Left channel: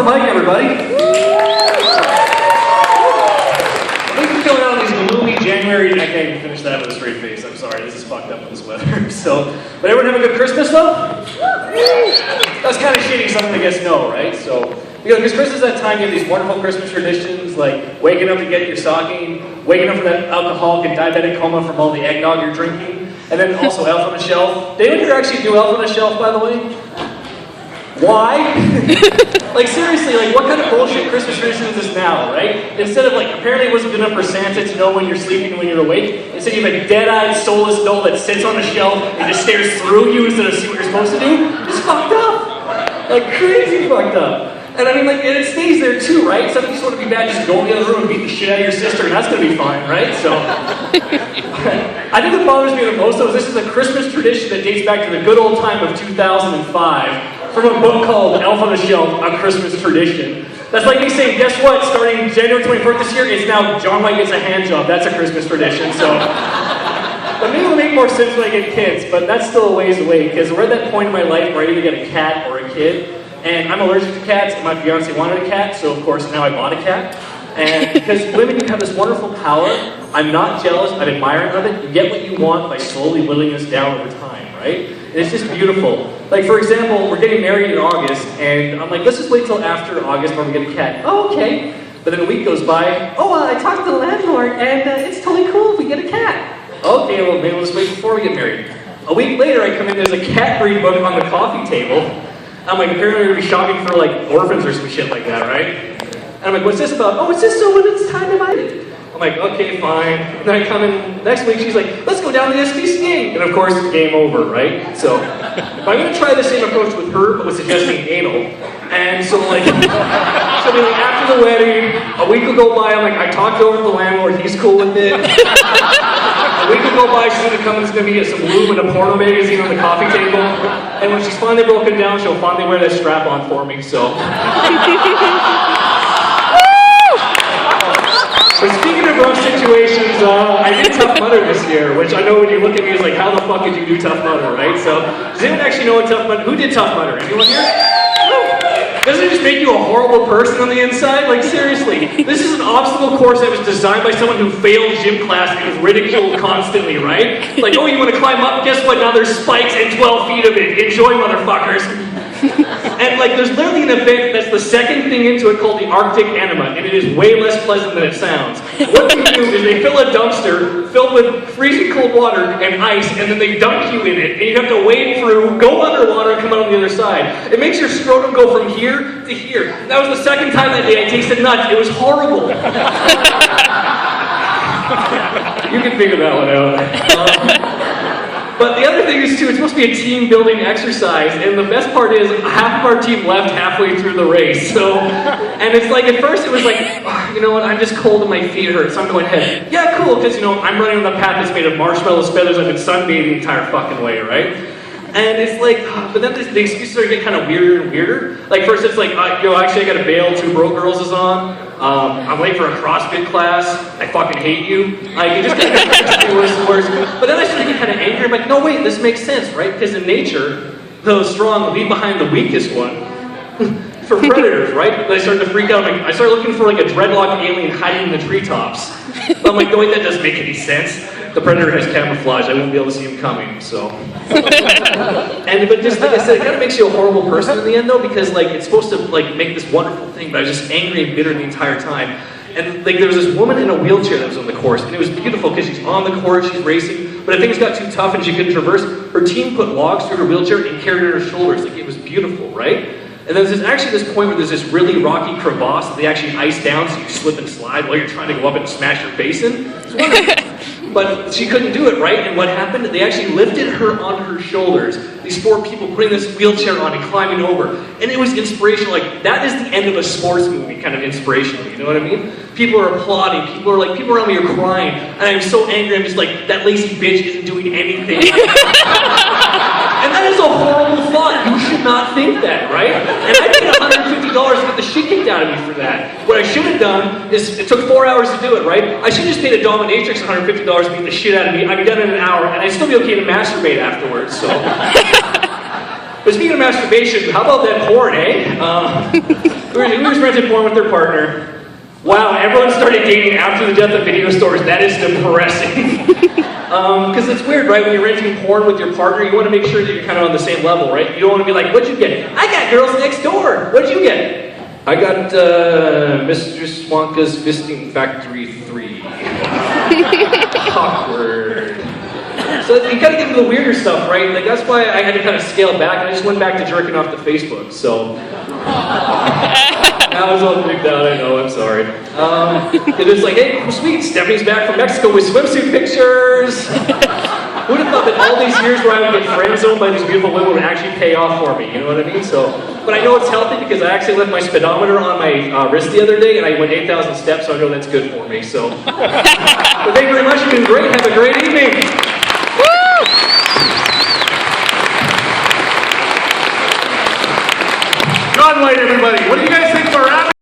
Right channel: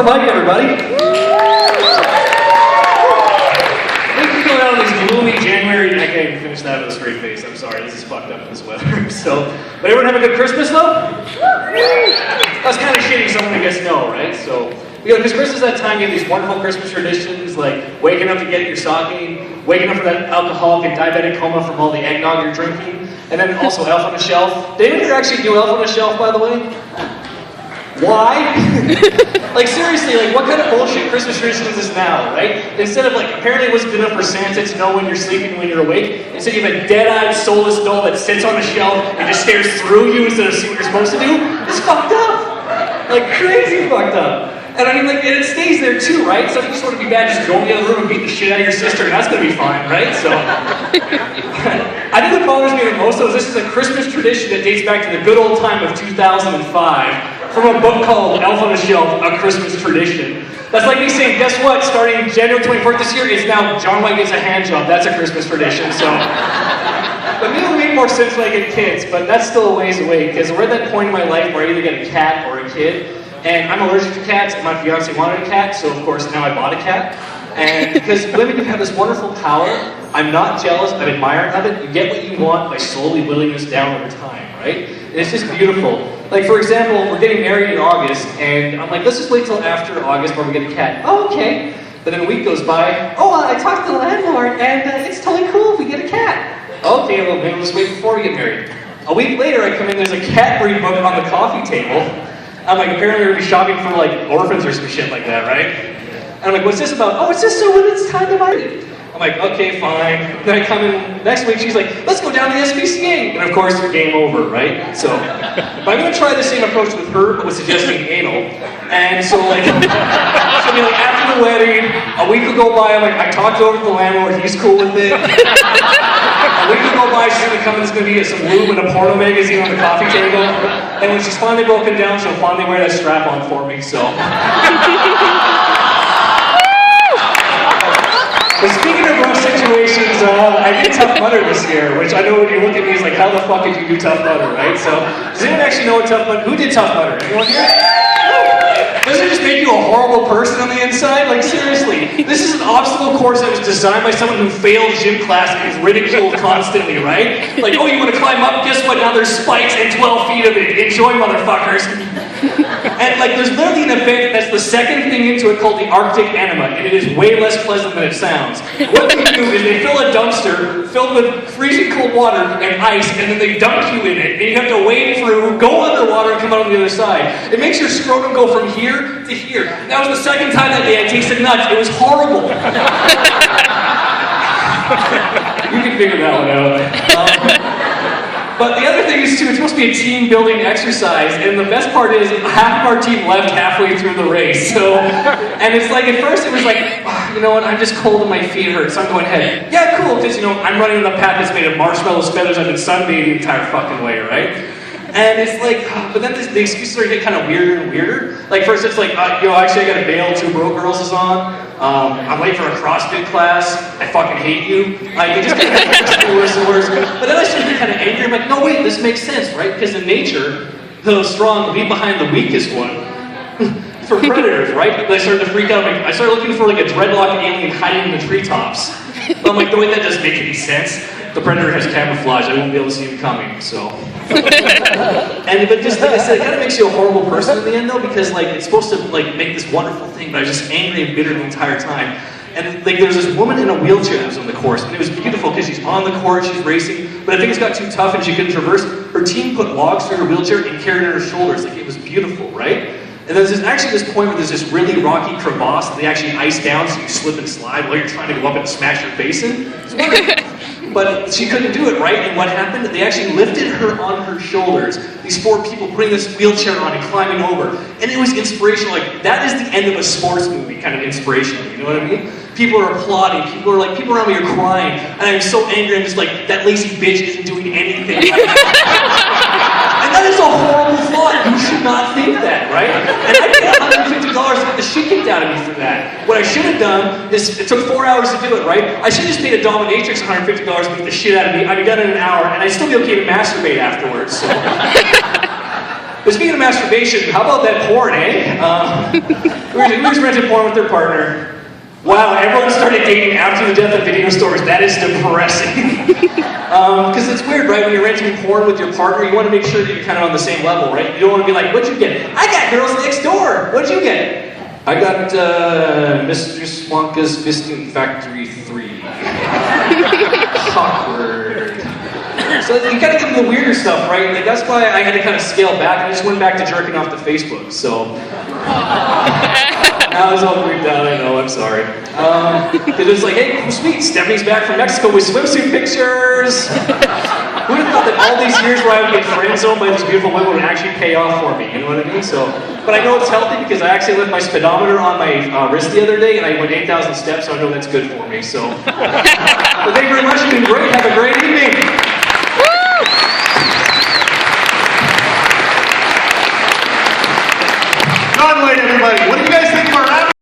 for Mike, everybody. Thank you for going out on these gloomy January. I can't even finish that with a straight face. I'm sorry, this is fucked up in this weather. So, but everyone have a good Christmas though? That's kind of shitty, someone I guess no, right? So, because Christmas is that time you have these wonderful Christmas traditions, like waking up to get your stocking, waking up for that alcoholic and diabetic coma from all the eggnog you're drinking, and then also Elf on a Shelf. Did anyone here actually do Elf on a Shelf, by the way? Why? Like seriously, like what kind of bullshit Christmas tradition is this now, right? Instead of like, apparently it wasn't good enough for Santa to know when you're sleeping and when you're awake. Instead you have a dead-eyed, soulless doll that sits on a shelf and just stares through you instead of see what you're supposed to do. It's fucked up! Like crazy fucked up. And I mean like, and it stays there too, right? So if you sort of be bad, just go in the other room and beat the shit out of your sister and that's gonna be fine, right? So, I think what bothers me the most though is this is a Christmas tradition that dates back to the good old time of 2005. From a book called Elf on a Shelf, A Christmas Tradition. That's like me saying, guess what, starting January 24th this year is now John White gets a hand job. That's a Christmas tradition, so. But maybe it'll make more sense when I get kids, but that's still a ways away, because we're at that point in my life where I either get a cat or a kid, and I'm allergic to cats, and my fiance wanted a cat, so of course now I bought a cat. And because women have this wonderful power, I'm not jealous, I'm admiring of it. You get what you want by slowly whittling this down over time, right? And it's just beautiful. Like for example, we're getting married in August, and I'm like, let's just wait till after August where we get a cat. Oh, okay. But then a week goes by, I talked to the landlord, and it's totally cool if we get a cat. Okay, well maybe we'll just wait before we get married. A week later I come in, there's a cat breed book on the coffee table. I'm like, apparently we're gonna be shopping for like orphans or some shit like that, right? And I'm like, what's this about? Oh, it's just so when it's time to buy it. I'm like, okay, fine. Then I come in next week, she's like, let's go down to the SPCA. And of course, game over, right? So, I'm gonna try the same approach with her, but with suggesting anal. And so like, she'll be like, after the wedding, a week will go by, I'm like, I talked over to the landlord, he's cool with it. A week will go by, she's gonna come, there's gonna be some lube and a porno magazine on the coffee table. And when she's finally broken down, she'll finally wear that strap on for me, so. But speaking of rough situations, I did Tough Mudder this year, which I know when you look at me is like, how the fuck did you do Tough Mudder, right? So, does anyone actually know what Tough Mudder, who did Tough Mudder? Anyone here? Doesn't it just make you a horrible person on the inside? Like seriously, this is an obstacle course that was designed by someone who failed gym class and is ridiculed constantly, right? Like, oh, you want to climb up? Guess what? Now there's spikes and 12 feet of it. Enjoy, motherfuckers. And like, there's literally an event that's the second thing into it called the Arctic Enema, and it is way less pleasant than it sounds. What they do is they fill a dumpster filled with freezing cold water and ice, and then they dunk you in it, and you have to wade through, go underwater, and come out on the other side. It makes your scrotum go from here to here. That was the second time that day I tasted nuts. It was horrible. You can figure that one out. But the other thing is too, it's supposed to be a team building exercise, and the best part is half of our team left halfway through the race. So, and it's like at first it was like, oh, you know what, I'm just cold and my feet hurt, so I'm going ahead. Yeah, cool, because you know I'm running on the path that's made of marshmallows, feathers, I've been sunbathing the entire fucking way, right? And it's like, but then the excuses are getting kind of weirder and weirder. Like first it's like, yo, actually I got a bail, 2 Broke Girls is on. I'm late for a CrossFit class. I fucking hate you. Like, it just gets worse and worse. But then I started to get kind of angry. I'm like, no, wait, this makes sense, right? Because in nature, the strong leave behind the weakest one. For predators, right? And I started to freak out. Like, I started looking for like a dreadlock alien hiding in the treetops. I'm like, no, wait, that doesn't make any sense. The predator has camouflage. I wouldn't be able to see him coming, so. But just like I said, it kind of makes you a horrible person in the end, though, because like it's supposed to like make this wonderful thing, but I was just angry and bitter the entire time. And like there's this woman in a wheelchair that was on the course, and it was beautiful because she's on the course, she's racing, but I think it got too tough and she couldn't traverse. Her team put logs through her wheelchair and carried her on her shoulders. Like it was beautiful, right? And then there's actually this point where there's this really rocky crevasse that they actually ice down so you slip and slide while you're trying to go up and smash your face in. It's wonderful. But she couldn't do it, right? And what happened? They actually lifted her on her shoulders. These 4 people putting this wheelchair on and climbing over. And it was inspirational. Like, that is the end of a sports movie, kind of inspirational. You know what I mean? People are applauding. People around me are crying. And I'm so angry. I'm just like, that lazy bitch isn't doing anything. And that is a horrible thought. You should not think that, right? And I paid $150 to get the shit kicked out of me for that. What I should have done is, it took 4 hours to do it, right? I should have just paid a dominatrix $150 to beat the shit out of me. I'd be done in an hour, and I'd still be okay to masturbate afterwards, so. But But speaking of masturbation, how about that porn, eh? We were renting porn with their partner. Wow, everyone started dating after the death of video stores. That is depressing. Because it's weird, right? When you're renting porn with your partner, you want to make sure that you're kind of on the same level, right? You don't want to be like, what'd you get? I got Girls Next Door. What'd you get? I got Mr. Swanka's Fisting Factory 3. Awkward. So you gotta get into the weirder stuff, right? Like that's why I had to kind of scale back. I just went back to jerking off to Facebook. So now I was all freaked out. I know. I'm sorry. It was like, hey, sweet, Stephanie's back from Mexico with swimsuit pictures. Who would have thought that all these years where I would get friend zoned by these beautiful women would actually pay off for me? You know what I mean? So, but I know it's healthy because I actually left my speedometer on my wrist the other day, and I went 8,000 steps, so I know that's good for me. So, but thank you very much. You've been great. Have a great evening. God light, everybody.